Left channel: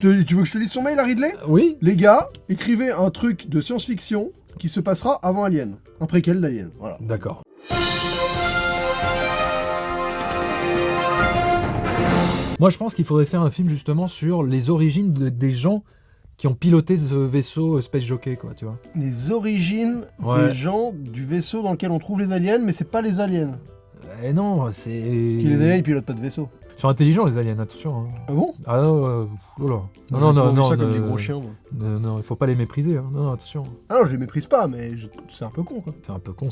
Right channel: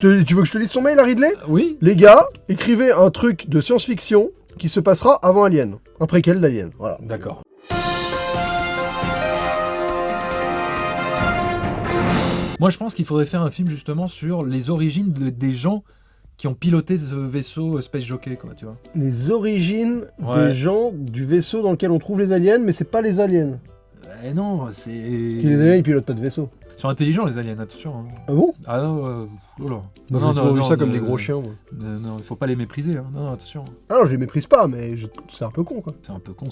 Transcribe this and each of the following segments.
Tu veux que je te lise son mail à Ridley? Oui. Les gars, écrivez un truc de science-fiction qui se passera avant Alien. Un préquel d'Alien, voilà. D'accord. Moi, je pense qu'il faudrait faire un film justement sur les origines des gens qui ont piloté ce vaisseau Space Jockey, quoi, tu vois. Les origines des gens du vaisseau dans lequel on trouve les aliens, mais c'est pas les aliens. Eh non, c'est... Les aliens, ils pilotent pas de vaisseau. Ils sont intelligents, les aliens, attention. Hein. Ah bon? Ah non, oula. Non, vu ça comme des gros chiens. Non, il faut pas les mépriser, hein. Non, attention. Ah non, je les méprise pas, mais c'est un peu con, quoi. C'est un peu con.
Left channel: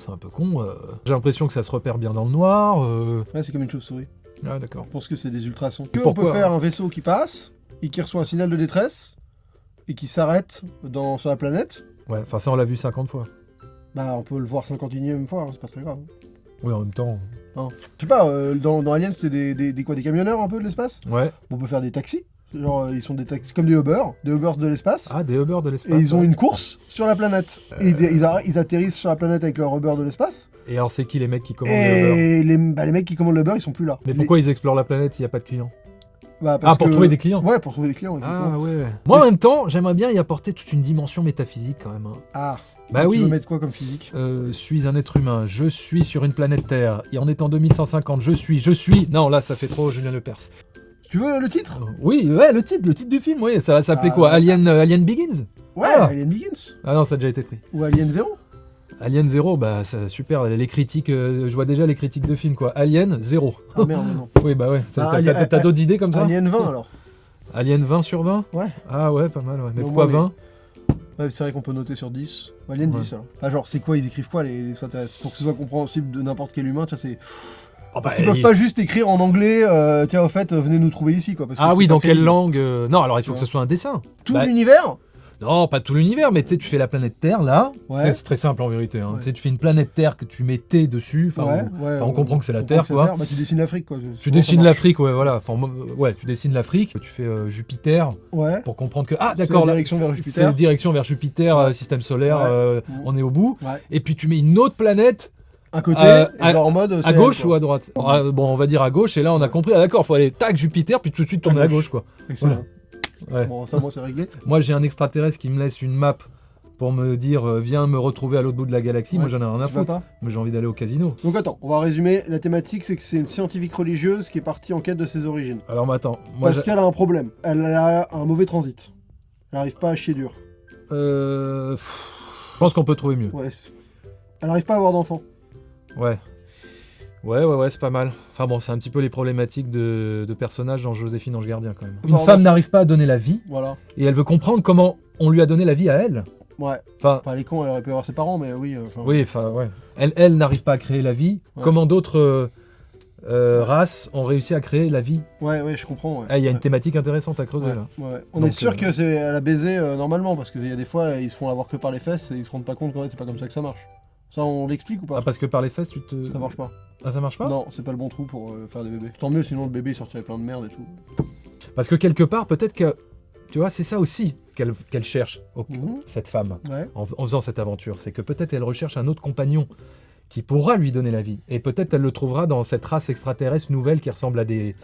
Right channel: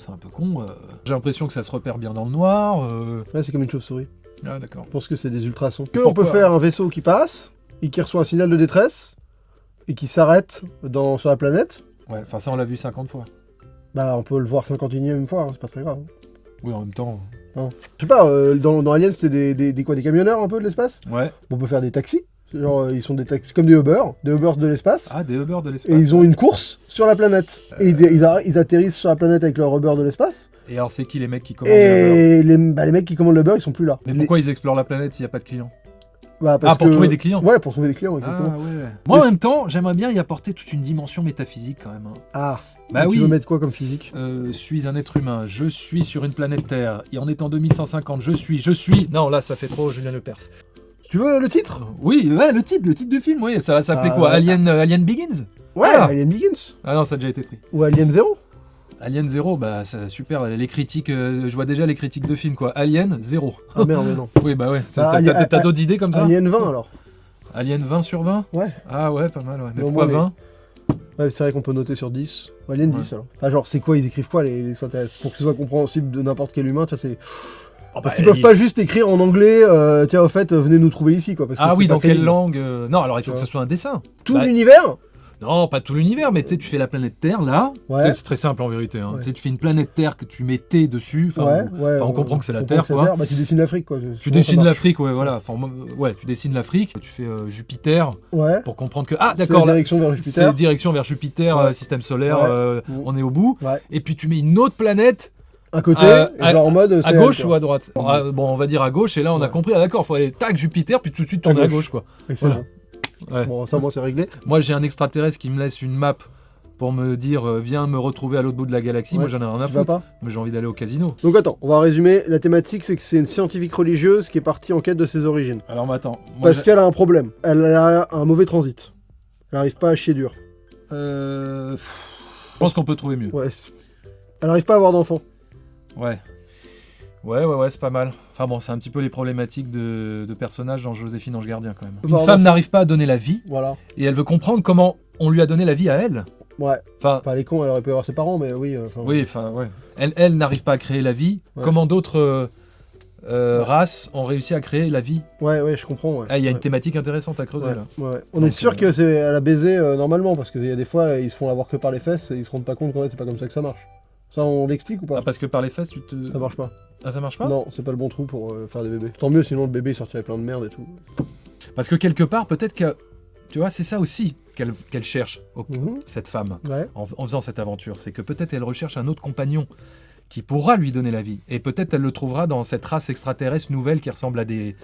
J'ai l'impression que ça se repère bien dans le noir. Ouais, c'est comme une chauve-souris. Ah, d'accord. Je pense que c'est des ultrasons. Pourquoi On peut faire un vaisseau qui passe, et qui reçoit un signal de détresse, et qui s'arrête sur la planète. Ouais, enfin ça on l'a vu 50 fois. Bah on peut le voir 51e fois, hein, c'est pas très grave. Oui, en même temps... Non. Je sais pas, dans Alien c'était des camionneurs un peu de l'espace. Ouais. On peut faire des taxis. Genre ils sont des taxis comme des Uber de l'espace. Ah, des Uber de l'espace. Et ils ont une course sur la planète. Et ils atterrissent sur la planète avec leur Uber de l'espace. Et alors c'est qui les mecs qui commandent les Uber? Et les mecs qui commandent le Uber ils sont plus là. Mais pourquoi ils explorent la planète s'il n'y a pas de clients? Bah, pour trouver des clients? Ouais, pour trouver des clients, exactement. Ah ouais. Moi en même temps, j'aimerais bien y apporter toute une dimension métaphysique quand même. Hein. Ah. Bah tu oui. veux mettre quoi comme physique? Suis un être humain, je suis sur une planète Terre, et en étant 2150, je suis... Non, là, ça fait trop Julien Lepers. Tu veux le titre? Oui, ouais, le titre du film, oui. Ça va s'appeler quoi? Alien Begins? Ouais, Ah. Alien Begins. Ah non, ça a déjà été pris. Ou Alien 0. Alien 0, bah c'est super, les critiques, je vois déjà les critiques de films, quoi. Alien 0. Ah merde, mais non. Oui, bah ouais, Bah, t'as d'autres idées comme ça? Alien 20 alors. Alien 20 sur 20? Ouais. Ah ouais, pas mal, ouais. Mais Bon, pourquoi 20? Ouais, c'est vrai qu'on peut noter sur 10. Ou Alien 10 alors. Enfin, genre, c'est quoi, ils écrivent quoi les extraterrestres? Pour que ce soit compréhensible de n'importe quel humain, tu vois, c'est... Parce qu'ils peuvent pas juste écrire en anglais, tiens, au fait, venez nous trouver ici, quoi. Parce que ah oui, pas dans quelle crédible. langue? Non, alors il faut que ce soit un dessin. Tout l'univers? Non, pas tout l'univers, mais tu sais, tu fais la planète Terre, là. Ouais. C'est très simple en vérité. Hein. Ouais. Tu sais, tu fais une planète Terre que tu mets T dessus. On comprend que c'est la Terre, quoi. Bah, tu dessines l'Afrique, quoi. Tu dessines l'Afrique, ouais, voilà. Enfin, ouais, tu dessines l'Afrique, tu fais Jupiter, ouais. pour comprendre que... Ah, d'accord, c'est direction vers Jupiter, ouais. Système solaire, ouais. On est au bout. Ouais. Et puis tu mets une autre planète... À côté, genre en mode... À gauche ou à droite? Bon, on va dire à gauche, et là, on a compris. Ah, d'accord, faut aller, tac, Jupiter, puis tout de suite tourner à gauche, quoi. Excellent. Ouais. Bon, ça, moi, c'est réglé. Moi, j'ai un extraterrestre qui me laisse une map pour me dire viens me retrouver à l'autre bout de la galaxie. Ouais. Moi, j'en ai rien à foutre. Mais j'ai envie d'aller au casino. Donc, attends, on va résumer. La thématique, c'est que c'est une scientifique religieuse qui est partie en quête de ses origines. Alors, attends. Moi, Parce qu'elle a un problème. Elle a un mauvais transit. Elle n'arrive pas à chier dur. Je pense qu'on peut trouver mieux. Ouais. Elle n'arrive pas à avoir d'enfants. Ouais. Ouais, c'est pas mal. Enfin bon, c'est un petit peu les problématiques de personnages dans Joséphine Ange Gardien quand même. Une femme n'arrive pas à donner la vie, voilà. Et elle veut comprendre comment on lui a donné la vie à elle. Ouais. Enfin, pas les cons, elle aurait pu avoir ses parents, mais oui. Oui, enfin, ouais. Elle n'arrive pas à créer la vie. Ouais. Comment d'autres races ont réussi à créer la vie? Ouais, je comprends. Ouais. Il y a une thématique intéressante à creuser là. Ouais. On est sûr que elle a baisé normalement, parce qu'il y a des fois, ils se font avoir que par les fesses et ils se rendent pas compte qu'en fait, c'est pas comme ça que ça marche. Ça, on l'explique ou pas? Ah, parce que par les fesses, Ça marche pas. Ah, ça marche pas? Non, c'est pas le bon trou pour faire des bébés. Tant mieux, sinon le bébé il sortirait plein de merde et tout. Parce que quelque part, peut-être que... Tu vois, c'est ça aussi qu'elle cherche, cette femme, en faisant cette aventure. C'est que peut-être elle recherche un autre compagnon qui pourra lui donner la vie. Et peut-être elle le trouvera dans cette race extraterrestre nouvelle qui ressemble à des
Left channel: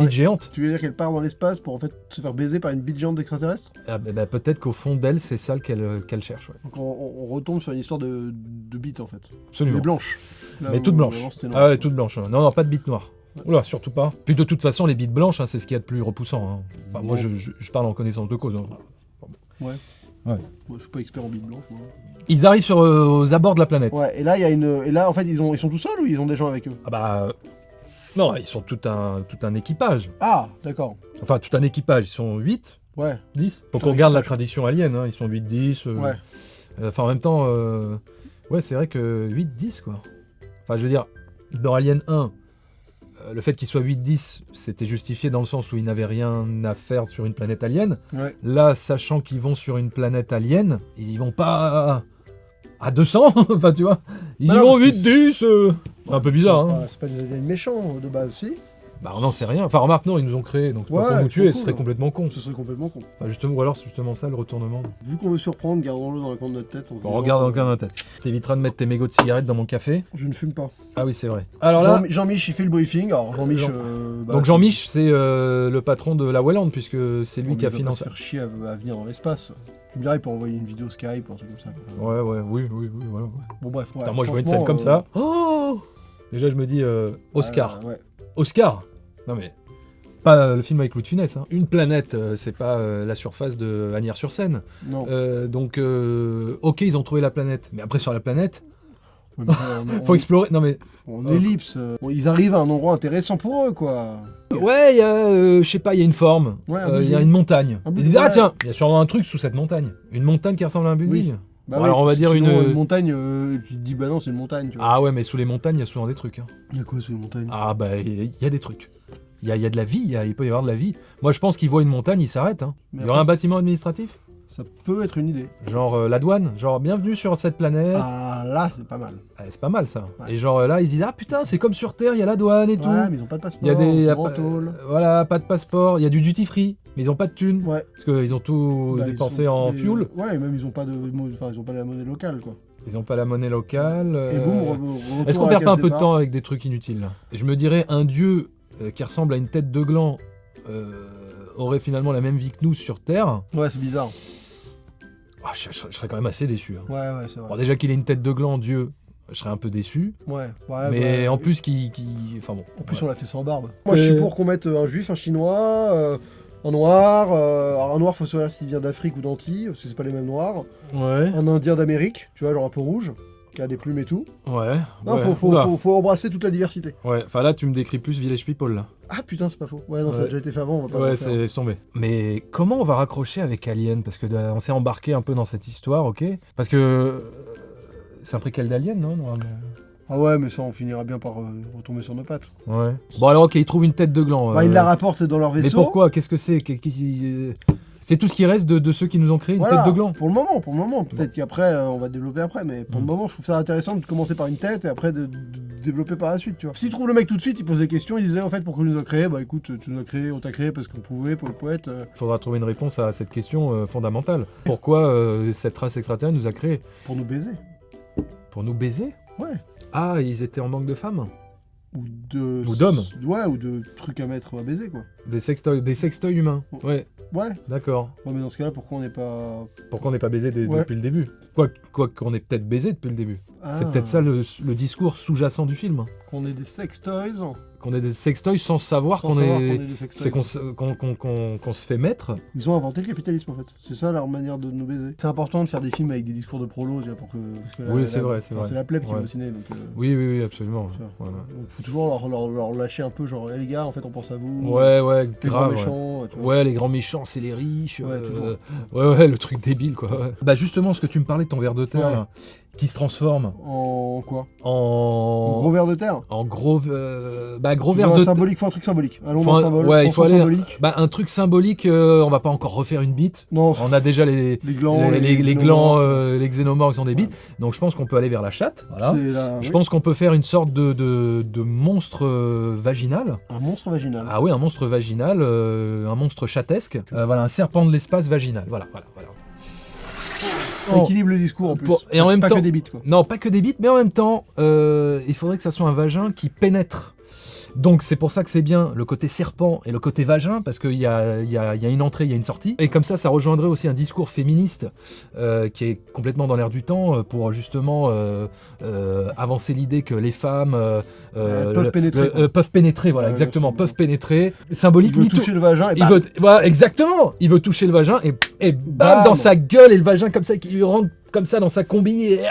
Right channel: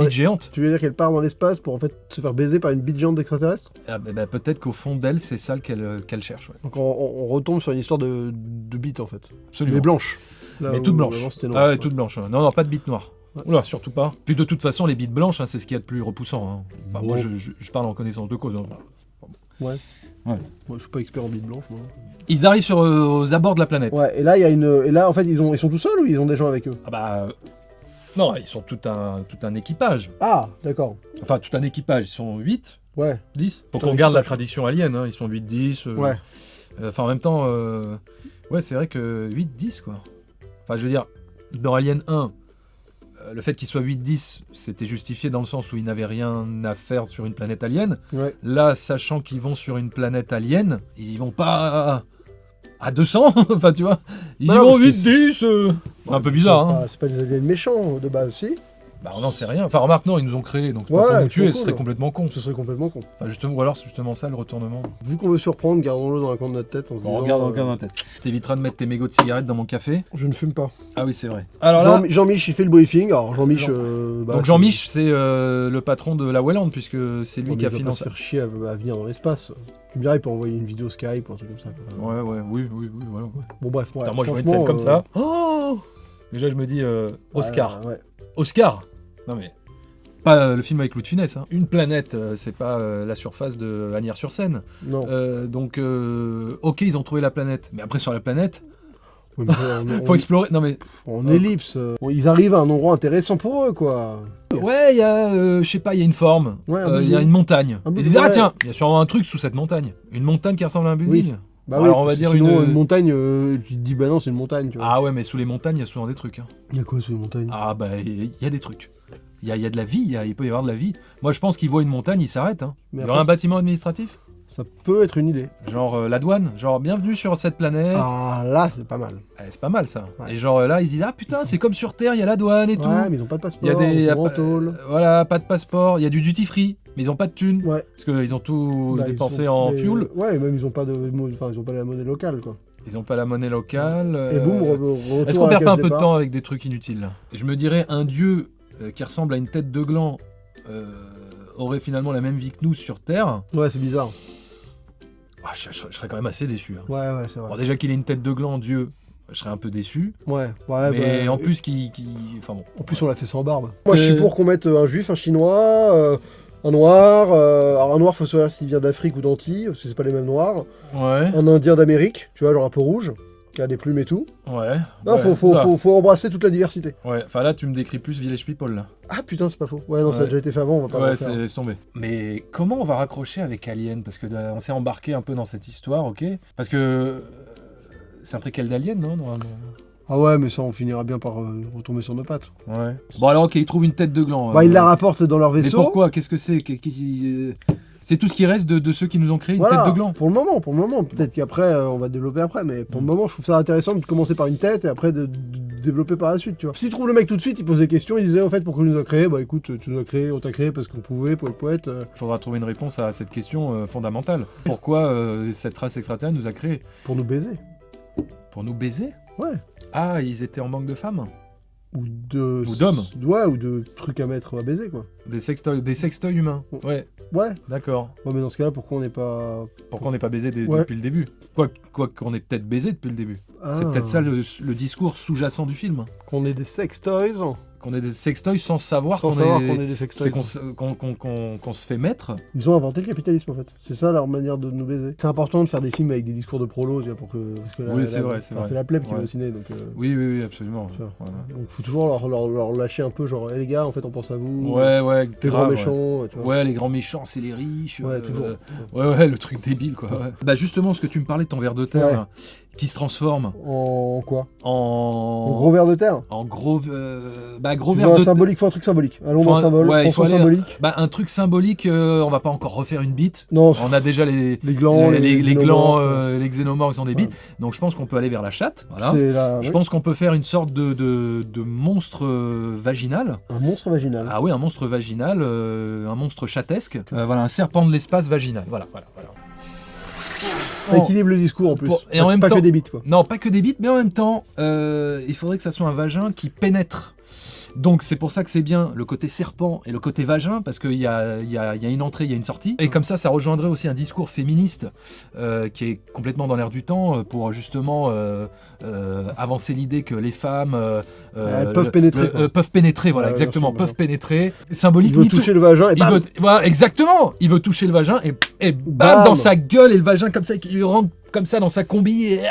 bites géantes. Tu veux dire qu'elle part dans l'espace pour en fait se faire baiser par une bite géante d'extraterrestre? Ah, peut-être qu'au fond d'elle, c'est ça qu'elle cherche. Ouais. Donc on retombe sur une histoire de bite en fait. Absolument. Mais blanche. Mais toute blanche. Ah ouais, toute blanche. Non, pas de bite noire. Oula, surtout pas. Puis de toute façon, les bites blanches, c'est ce qu'il y a de plus repoussant. Hein. Enfin, moi, je parle en connaissance de cause. Hein. Ouais. Moi, je suis pas expert en bites blanches. Moi. Ils arrivent aux abords de la planète. Ouais, et là, et là, en fait, ils sont tout seuls ou ils ont des gens avec eux? Ah bah... Non, ils sont tout un équipage. Ah, d'accord. Enfin, tout un équipage. Ils sont 8, ouais. 10. Faut qu'on garde la tradition alien. Hein. Ils sont 8, 10. Ouais. Enfin, en même temps... Ouais, c'est vrai que 8, 10, quoi. Enfin, je veux dire, dans Alien 1... Le fait qu'il soit 8-10, c'était justifié dans le sens où ils n'avaient rien à faire sur une planète alien. Ouais. Là, sachant qu'ils vont sur une planète alien, ils vont pas à 200, enfin tu vois. Ils vont 8-10, un peu bizarre. Hein. C'est pas des aliens méchants de base, si. Bah on n'en sait rien. Enfin remarque, non, ils nous ont créé, donc Ouais, pas pour nous tuer, cool, ce serait hein. complètement con. Ce serait complètement con. Enfin justement, ou alors c'est justement ça le retournement. Vu qu'on veut surprendre, gardons-le dans la coin de notre tête. En se On disant, regarde dans le coin de la tête. T'éviteras de mettre tes mégots de cigarettes dans mon café. Je ne fume pas. Ah oui, c'est vrai. Alors là, Jean-Mich, il fait le briefing. Alors Jean-Mich. donc Jean-Mich, c'est le patron de la Welland, puisque c'est lui qui a financé. financé. Se faire chier à venir dans l'espace. Tu me dirais pour envoyer une vidéo Skype ou un truc comme ça. Ouais, oui, ouais. Bon bref. Putain, moi je vois une scène comme ça. Oh déjà je me dis Oscar. Ouais. Oscar. Non mais pas le film avec Louis de Funès. Hein. Une planète, c'est pas la surface de Agnières-sur-Seine. Non. Donc ok, ils ont trouvé la planète, mais après sur la planète, Ouais, mais faut explorer. Non mais en ellipse. Ils arrivent à un endroit intéressant pour eux, quoi. ouais, il y a, je sais pas, il y a une forme, Ouais, il y a une montagne. un Ils disent ah ouais. tiens, il y a sûrement un truc sous cette montagne, une montagne qui ressemble à un building. Bah Bon, alors on va dire sinon, une montagne. Tu te dis bah non, c'est une montagne. Tu vois. Ah ouais, mais sous les montagnes, il y a souvent des trucs. Hein. Il y a quoi sous les montagnes? Ah bah il y a des trucs. Il y a de la vie, il peut y avoir de la vie. Moi je pense qu'ils voient une montagne, ils s'arrêtent. Hein. Mais Il y aura un après, bâtiment administratif. Ça peut être une idée. Genre la douane, genre bienvenue sur cette planète. Ah là, c'est pas mal. C'est pas mal ça. Ouais. Et genre là ils disent ah putain c'est comme sur Terre, il y a la douane et tout. Ouais, mais ils ont pas de passeport. Il y a des en tôle. voilà, pas de passeport, il y a du duty free, mais ils ont pas de thunes Ouais. parce qu'ils ont tout Bah, dépensé ils sont- en mais- fuel. Ouais, et même ils ont pas de, enfin ils ont pas la monnaie locale quoi. Ils ont pas la monnaie locale. Et boum, retour Est-ce qu'on à la perd pas un case peu de départ. temps avec des trucs inutiles là? Je me dirais un dieu qui ressemble à une tête de gland aurait finalement la même vie que nous sur Terre. Ouais, c'est bizarre. Ah, je serais quand même assez déçu. Hein. Ouais, c'est vrai. Bon, déjà qu'il ait une tête de gland, Dieu, je serais un peu déçu. Ouais, Mais bah, en plus, enfin bon. En plus, on l'a fait sans barbe. Moi, je suis pour qu'on mette un juif, un chinois, un noir. Alors, un noir, faut savoir s'il vient d'Afrique ou d'Antilles, parce que c'est pas les mêmes noirs. Ouais. Un indien d'Amérique, tu vois, genre un peu rouge, qui a des plumes et tout. Ouais. Non, ouais. faut embrasser toute la diversité. Ouais, enfin là, tu me décris plus Village People là. Ah putain, c'est pas faux. Ouais, non, ça a Ouais. déjà été fait avant, on va pas Ouais, le faire. c'est tombé. Mais comment on va raccrocher avec Alien? Parce que on s'est embarqué un peu dans cette histoire, ok? Parce que c'est un préquel d'Alien, non? Ah ouais, mais ça, on finira bien par retomber sur nos pattes. Ouais. Bon alors, ok, ils trouvent une tête de gland. Bah, ils la rapportent dans leur Mais vaisseau. pourquoi? Qu'est-ce que c'est? C'est tout ce qui reste de ceux qui nous ont créé une Voilà, tête de gland. Pour le moment. Peut-être qu'après, on va développer après, mais pour le Mm. moment, je trouve ça intéressant de commencer par une tête et après de développer par la suite, tu vois. S'ils trouvent le mec tout de suite, ils posent des questions, ils disaient, en fait, pourquoi tu nous as créé? Bah écoute, tu nous as créé, on t'a créé parce qu'on pouvait, pour le poète. Il faudra trouver une réponse à cette question fondamentale. Pourquoi cette race extraterrestre nous a créés? Pour nous baiser. Pour nous baiser? Ouais. Ah, ils étaient en manque de femmes? Ou d'hommes. Ouais, ou de trucs à mettre à baiser, quoi. Des sextoys humains? Ouais, Ouais. d'accord. Ouais, mais dans ce cas-là, pourquoi on n'est pas. Pourquoi on n'est pas baisé Ouais. depuis le début? Quoi qu'on ait peut-être baisé depuis le début. C'est Ah. peut-être ça le discours sous-jacent du film. Qu'on ait des sex toys. Qu'on ait des sextoys sans savoir Sans qu'on savoir est... qu'on ait des sex C'est toys. qu'on se fait mettre. Ils ont inventé le capitalisme en fait. C'est ça leur manière de nous baiser. C'est important de faire des films avec des discours de prolo, tu vois, pour que. Parce que Oui, c'est vrai, c'est vrai. C'est la plèbe qui Ouais. va au ciné, donc. Oui, absolument. tu vois. Ouais, Donc faut toujours leur lâcher un peu, genre, les gars, en fait, on pense à vous. ouais, Les grands grave. méchants, tu vois. Ouais, les grands méchants, c'est les riches. Ouais, toujours. Ouais, le truc débile, quoi. Ouais. Bah, justement, ce que tu me parlais de ton ver de terre, Ouais. là, qui se transforme En quoi en. En gros ver de terre. En gros. Gros Tu ver veux un de symbolique, faut un truc symbolique. Allons Faut dans un- le symbole. ouais, il faut Pensons aller- symbolique. Bah, un truc symbolique, on va pas encore refaire une bite. Non, On a déjà les glands, les glands, xénomorphes. les xénomorphes sont des bites. Donc je pense qu'on peut aller vers la chatte. Voilà. C'est la- Je ouais. pense qu'on peut faire une sorte de monstre vaginal. Un monstre vaginal. Ah oui, un monstre vaginal, un monstre chatesque. Voilà, un serpent de l'espace vaginal. Voilà. Ça équilibre le discours en plus. Et en même pas temps- que des bites quoi. Non, pas que des bites, mais en même temps, il faudrait que ça soit un vagin qui pénètre. Donc c'est pour ça que c'est bien le côté serpent et le côté vagin, parce qu'il y a une entrée, il y a une sortie. Et comme ça rejoindrait aussi un discours féministe qui est complètement dans l'air du temps pour justement avancer l'idée que les femmes peuvent pénétrer, quoi. peuvent pénétrer, voilà, Ouais, exactement, bien sûr, peuvent pénétrer. Symbolique, Il veut ni tout- toucher le vagin et il bam. veut, voilà, exactement, il veut toucher le vagin et bam, Bam. dans sa gueule, et le vagin comme ça qui lui rentre comme ça dans sa combi et Ouais,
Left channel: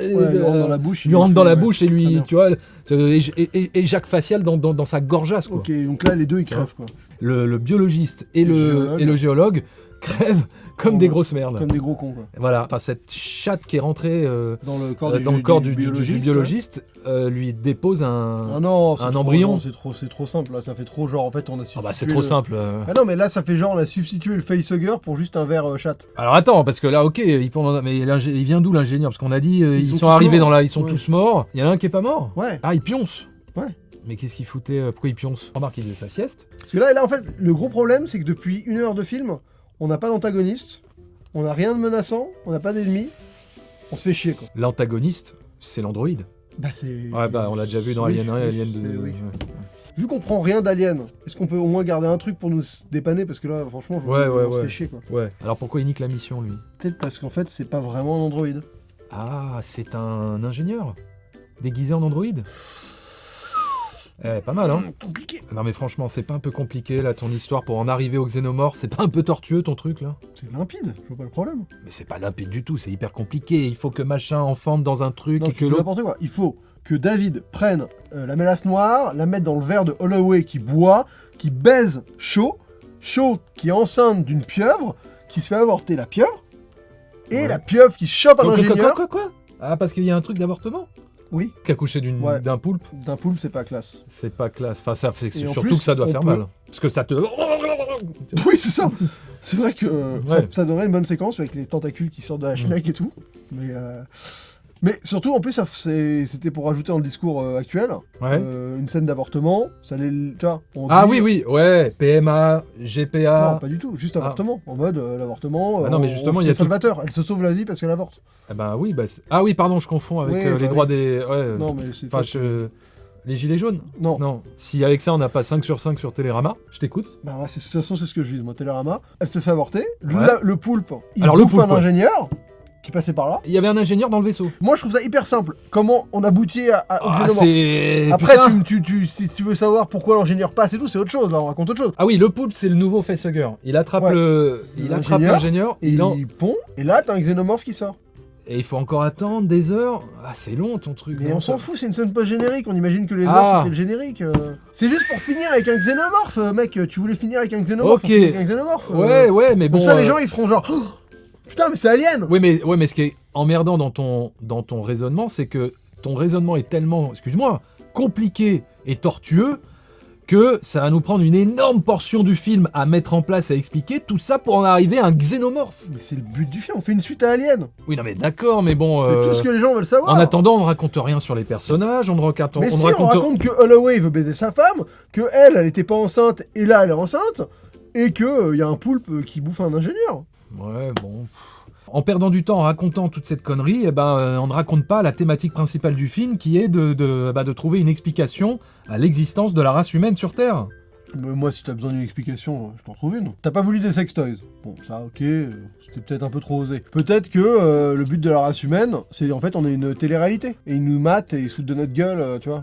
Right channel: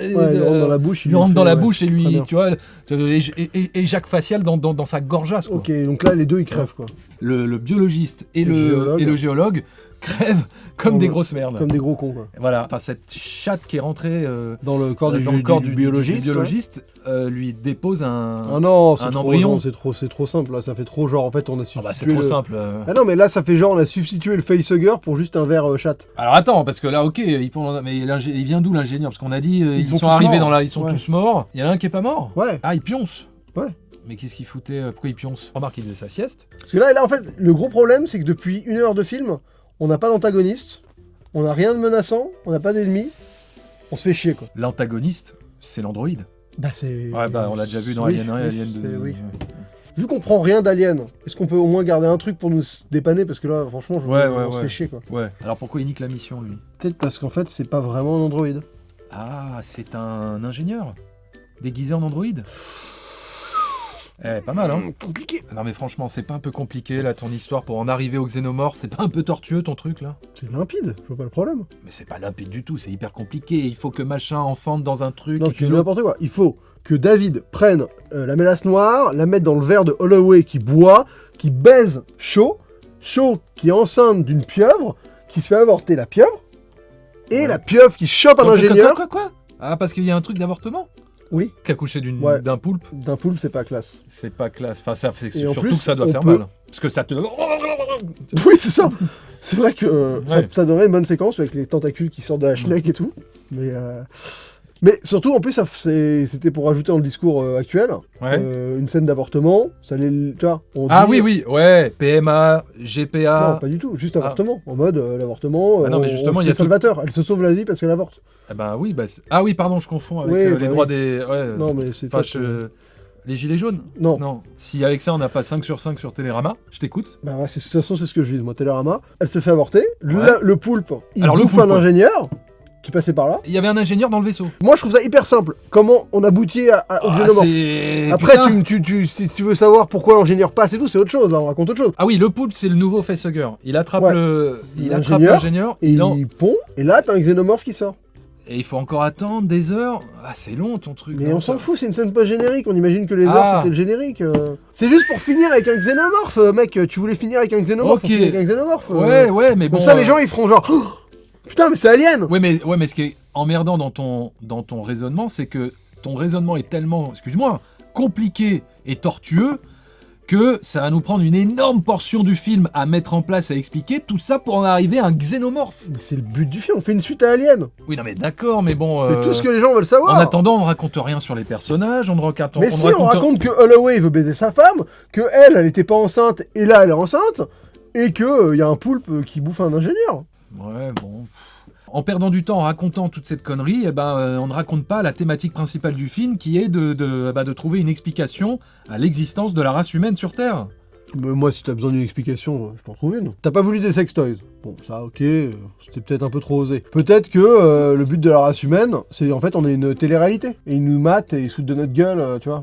il lui rentre dans la bouche. lui rentre dans la fait- bouche et Très lui, bien. tu vois, et Jacques facial dans sa gorgeasse, quoi. Ok, donc là les deux ils crèvent quoi. Le biologiste et Le géologue. le géologue crèvent comme Ouais. des grosses merdes. Comme des gros cons quoi. Voilà, enfin, cette chatte qui est rentrée Dans le corps dans le corps du biologiste. biologiste lui dépose Ouais. un... Ah non, c'est un trop, embryon. non, c'est trop simple là, ça fait trop genre en fait on a Ah substitué. bah c'est trop le- simple. Ah non mais là ça fait genre on a substitué le facehugger pour juste un verre chatte. Alors attends, parce que là, ok, mais il vient d'où l'ingénieur? Parce qu'on a dit, ils sont sont tous arrivés morts. dans la... Ils sont Ouais. tous morts. Il y en a un qui est pas mort. Ouais. Ah, il pionce. Ouais. Mais qu'est-ce qu'il foutait pourquoi il pionce? Remarque, il faisait sa sieste. Parce que là, en fait, le gros problème, c'est que depuis 1 heure de film, on n'a pas d'antagoniste, on n'a rien de menaçant, on n'a pas d'ennemis, on se fait chier, quoi. L'antagoniste, c'est l'androïde. Bah, c'est... Ouais, bah, on l'a déjà vu dans Oui, Alien 1 et Alien 2. oui. Vu qu'on prend rien d'Alien, est-ce qu'on peut au moins garder un truc pour nous dépanner? Parce que là, franchement, on se fait chier, quoi. Ouais. Alors pourquoi il nique la mission, lui? Peut-être parce qu'en fait, c'est pas vraiment un androïde. Ah, c'est un ingénieur déguisé en androïde. Pas mal, hein? Compliqué. Non mais franchement, c'est pas un peu compliqué là ton histoire pour en arriver au xénomorphe? C'est pas un peu tortueux ton truc là? C'est limpide, je vois pas le problème. Mais c'est pas limpide du tout, c'est hyper compliqué. Il faut que machin enfante dans un truc Non, et tu que dis l'autre... n'importe quoi. Il faut que David prenne la mélasse noire, la mette dans le verre de Holloway qui boit, qui baise Shaw qui est enceinte d'une pieuvre, qui se fait avorter la pieuvre, et Ouais. la pieuvre qui chope un ingénieur. Quoi? Ah, parce qu'il y a un truc d'avortement? Oui, Qui a couché Ouais. d'un poulpe? d'un poulpe, c'est pas classe. C'est pas classe. Enfin, ça fait Et en surtout plus, que ça doit on faire peut- mal. Parce que ça te... Oui, c'est ça. C'est vrai que Ouais. ça donnerait une bonne séquence avec les tentacules qui sortent de la schneck et tout. Mais surtout, en plus, c'était pour rajouter dans le discours actuel Ouais. une scène d'avortement. Ça allait, tu vois, on Ah dit- oui, ouais. PMA, Non, GPA... pas du tout, juste avortement. En mode l'avortement. Ah non, mais justement, il y a c'est salvateur. Elle se sauve la vie parce qu'elle avorte. Eh ben oui, bah... Ah oui, pardon, je confonds avec Oui, les bah droits oui. des... Ouais. Non, mais c'est. Enfin, les gilets jaunes? Non. Non. Si avec ça, on n'a pas 5 sur 5 sur Télérama, je t'écoute. Bah ouais, de toute façon, c'est ce que je vise, moi. Télérama. Elle se fait avorter. Ouais. Le poulpe, il Alors, le bouffe poulpe, un ouais. ingénieur qui passait par là. Il y avait un ingénieur dans le vaisseau. Moi, je trouve ça hyper simple. Comment on aboutit au xénomorphe. c'est... Après, Putain. si tu veux savoir pourquoi l'ingénieur passe et tout, c'est autre chose. Là, on raconte autre chose. Ah oui, le poulpe, c'est le nouveau facehugger. Il attrape Ouais. il attrape l'ingénieur, Et il pond. Et là, t'as un xénomorphe qui sort. et il faut encore attendre des heures. Ah, c'est long ton truc. Mais non, on ça. s'en fout, c'est une scène post-générique. On imagine que les heures, Ah. c'était le générique. C'est juste pour finir avec un xénomorphe, mec. Tu voulais finir avec un xénomorphe. Ok. faut finir avec un xénomorphe. Ouais, mais bon. Comme ça, les gens, ils feront genre. Oh, putain, mais c'est Alien. Ouais, mais ce qui est emmerdant dans ton raisonnement, c'est que ton raisonnement est tellement, excuse-moi, compliqué et tortueux que ça va nous prendre une énorme portion du film à mettre en place, à expliquer, tout ça pour en arriver à un xénomorphe. Mais c'est le but du film. On fait une suite à Alien. Oui, non mais d'accord, mais bon... C'est tout ce que les gens veulent savoir. En attendant, on ne raconte rien sur les personnages, on ne raconte... Mais si, on raconte que Holloway veut baiser sa femme, que elle était pas enceinte, et là, elle est enceinte, et que y a un poulpe qui bouffe un ingénieur. Ouais, bon... En perdant du temps en racontant toute cette connerie, eh ben, on ne raconte pas la thématique principale du film qui est de trouver une explication à l'existence de la race humaine sur Terre. Moi, si t'as besoin d'une explication, je t'en trouve une. T'as pas voulu des sextoys. Bon, ça, ok, c'était peut-être un peu trop osé. Peut-être que le but de la race humaine, c'est en fait, on est une télé-réalité. Et ils nous matent et ils foutent de notre gueule, tu vois.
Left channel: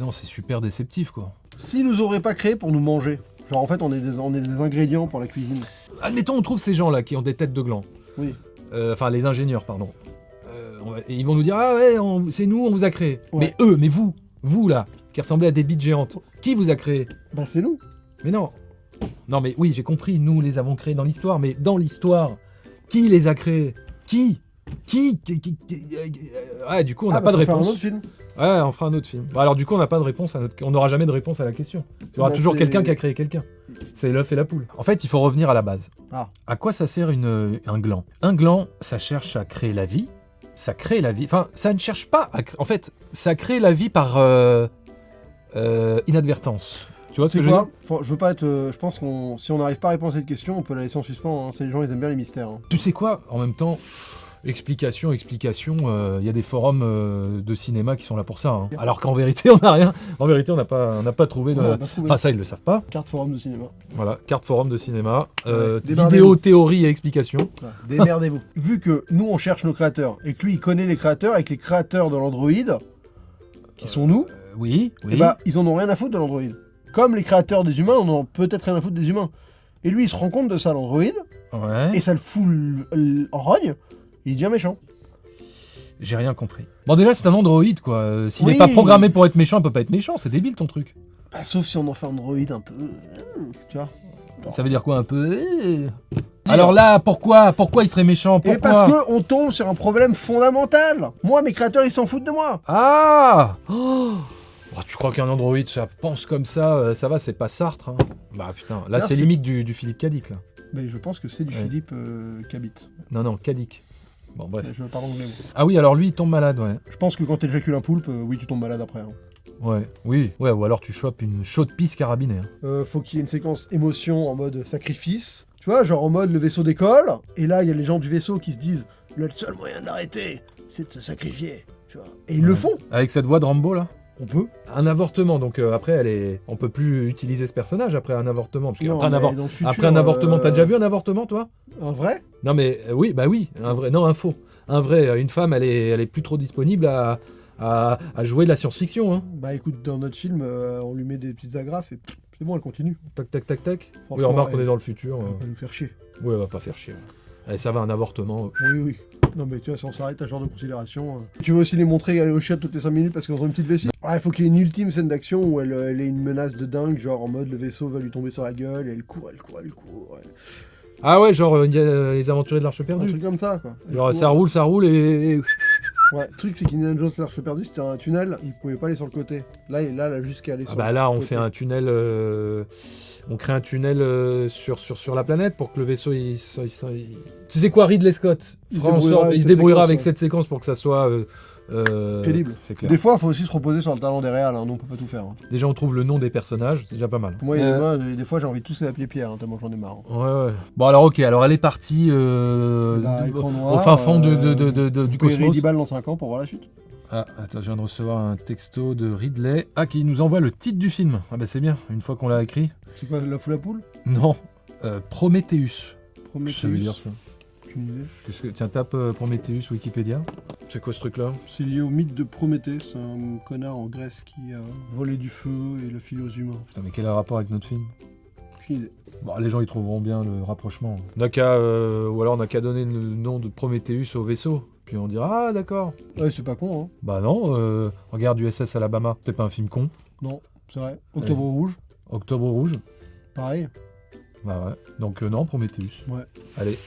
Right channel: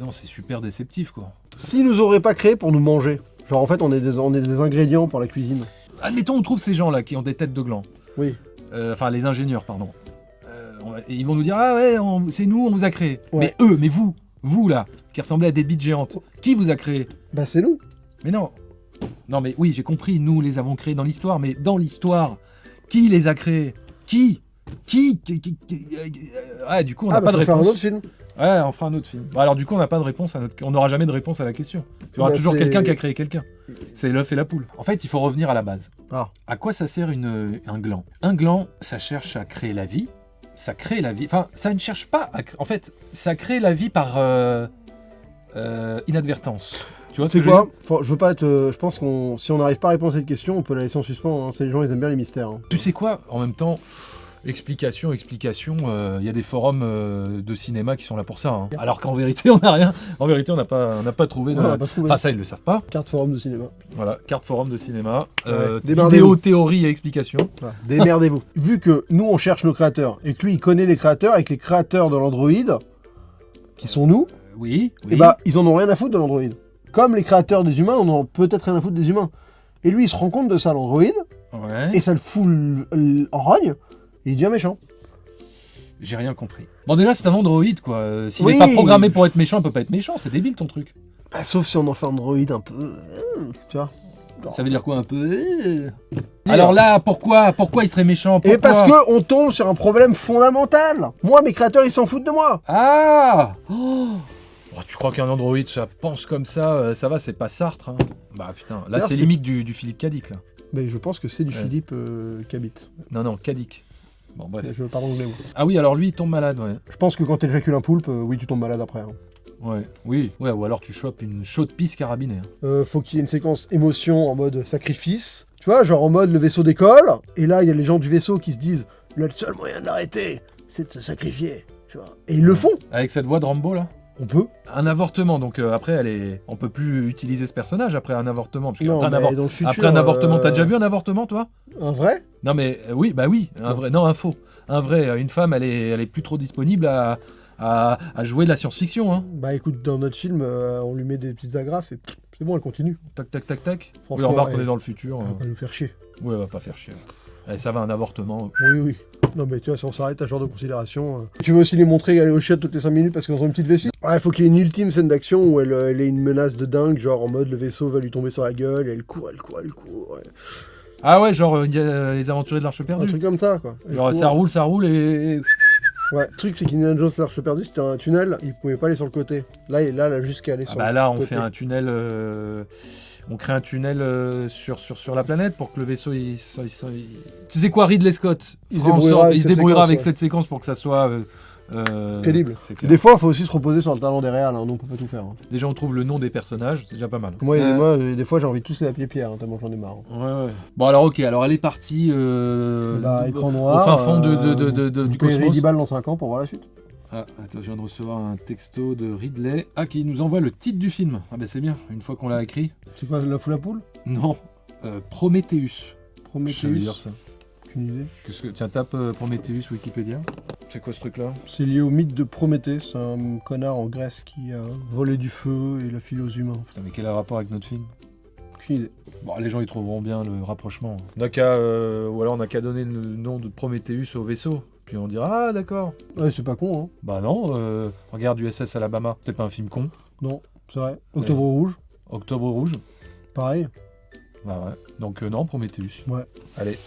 Non, c'est super déceptif, quoi. S'ils nous auraient pas créé pour nous manger, genre en fait, on est des ingrédients pour la cuisine. Admettons, on trouve ces gens-là qui ont des têtes de gland. Oui. Enfin, les ingénieurs, pardon. Et ils vont nous dire, ah ouais, c'est nous, on vous a créé. Ouais. Mais vous là, qui ressemblez à des bites géantes, qui vous a créé? Bah, c'est nous. Mais non. Non, mais oui, j'ai compris, nous les avons créés dans l'histoire, mais dans l'histoire, qui les a créés? Qui Ouais, du coup, on n'a pas de faut faire un réponse. autre film. Ouais, on fera un autre film. Bon, alors, du coup, on n'a pas de réponse on n'aura jamais de réponse à la question. Il y aura Bah, toujours c'est- quelqu'un qui a créé quelqu'un. C'est l'œuf et la poule. En fait, il faut revenir à la base. Ah. À quoi ça sert un gland? Un gland, ça cherche à créer la vie. Ça crée la vie. Enfin, ça ne cherche pas à... En fait, ça crée la vie par inadvertance. Tu vois ce que je veux dire? Je veux pas être. Je pense qu'on, si on n'arrive pas à répondre à cette question, on peut la laisser en suspens. Hein. C'est les gens, ils aiment bien les mystères. Hein. Tu sais quoi? En même temps, explication, il y a des forums de cinéma qui sont là pour ça. Hein. Alors qu'en vérité, on n'a rien. En vérité, on n'a pas trouvé de... On n'a pas trouvé. Enfin, ça, ils le savent pas. Carte forum de cinéma. Voilà, carte forum de cinéma. démerdez-vous. Vidéo, théorie et explication. Voilà. Démerdez-vous. Vu que nous, on cherche nos créateurs et que lui, il connaît les créateurs avec les créateurs de l'Android, qui sont nous, Oui. et bah, ils en ont rien à foutre de l'Android. Comme les créateurs des humains, on en a peut-être rien à foutre des humains. Et lui, il se rend compte de ça, l'Android, Ouais. et ça le fout en rogne, et il devient méchant. J'ai rien compris. Bon, déjà, c'est un androïde, quoi. S'il n'est Oui. pas programmé pour être méchant, il peut pas être méchant. C'est débile, ton truc. Bah, sauf si on en fait un Android un peu. Tu vois. Ça veut dire quoi, un peu Alors là, pourquoi il serait méchant? Et Pourquoi parce que on tombe sur un problème fondamental. Moi, mes créateurs, ils s'en foutent de moi. Ah Oh, tu crois qu'un androïde, ça pense comme ça, ça va, c'est pas Sartre. Hein. Bah putain, là, D'ailleurs, c'est c'est- limite du Philippe Cadic, là. Mais je pense que c'est du Ouais. Philippe Cabit. Non, Cadic. Bon, bref. Je veux pas renouveler, moi. Ah oui, alors lui, il tombe malade, ouais. Je pense que quand t'éjacules un poulpe, oui, tu tombes malade après. Hein. Ouais, oui, ouais, ou alors tu chopes une chaude pisse carabinée. Faut qu'il y ait une séquence émotion en mode sacrifice. Tu vois, genre en mode le vaisseau décolle, et là il y a les gens du vaisseau qui se disent le seul moyen de l'arrêter, c'est de se sacrifier. Tu vois. Et ils le font. Avec cette voix de Rambo là. On peut. Un avortement, donc après on peut plus utiliser ce personnage après un avortement. Parce Non, qu'après mais dans le futur, après un avortement, t'as déjà vu un avortement toi? Un vrai? Non mais oui, bah oui, un vrai, non un faux. Un vrai, une femme elle est plus trop disponible à jouer de la science-fiction. Hein. Bah écoute, dans notre film, on lui met des petites agrafes et c'est bon, elle continue. Tac tac tac tac. Oui, Franchement, remarque on est dans le futur. Elle va nous faire chier. Oui, elle va pas faire chier. Et ça va, un avortement. Oui, oui. Non mais tu vois, si on s'arrête à ce genre de considération... Tu veux aussi les montrer aller au chiottes toutes les 5 minutes parce qu'elles ont une petite vessie? Ouais, faut qu'il y ait une ultime scène d'action où elle ait une menace de dingue, genre en mode le vaisseau va lui tomber sur la gueule et elle court. Ouais. Ah ouais, genre les aventuriers de l'Arche Un perdue. truc comme ça, quoi. Elle Genre court. ça roule et... Ouais, le truc c'est qu'Indiana Jones l'Arche perdue, c'était un tunnel, il pouvait pas aller sur le côté. Là jusqu'à aller Ah sur bah le là, on côté. fait un tunnel... On crée un tunnel sur la planète pour que le vaisseau... Tu sais quoi, Ridley Scott Il fera en se débrouillera sorte- avec il se cette débrouillera séquence, avec ouais. cette séquence pour que ça soit... Crédible. C'est clair. Des fois, il faut aussi se reposer sur le talent des réals, hein, donc on peut pas tout faire. Hein. Déjà, on trouve le nom des personnages, c'est déjà pas mal. Moi, des fois, j'ai envie de tous les appeler Pierre, hein, tellement j'en ai marre. Hein. Ouais. Bon alors ok, alors elle est partie Bah, écran au noir, fin fond du vous payerez cosmos. 10 balles dans 5 ans pour voir la suite. Ah, attends, je viens de recevoir un texto de Ridley. Ah, qui nous envoie le titre du film. Ah bah c'est bien, une fois qu'on l'a écrit. C'est quoi, la foule à poule? Non, Prometheus. Prometheus. Je veux dire ça. Aucune idée. Tiens, tape Prometheus Wikipédia. C'est quoi ce truc-là? C'est lié au mythe de Prométhée, c'est un connard en Grèce qui a volé du feu et l'a filé aux humains. Putain, mais quel est le rapport avec notre film? Aucune idée. Bon, les gens ils trouveront bien le rapprochement. Ou alors on n'a qu'à donner le nom de Prometheus au vaisseau. Puis on dira, ah d'accord. Ouais, c'est pas con, hein. Bah non, regarde USS Alabama. C'était pas un film con. Non, c'est vrai. Octobre Rouge, Octobre Rouge. pareil. Bah ouais. Donc non, Prometheus. Ouais. Allez,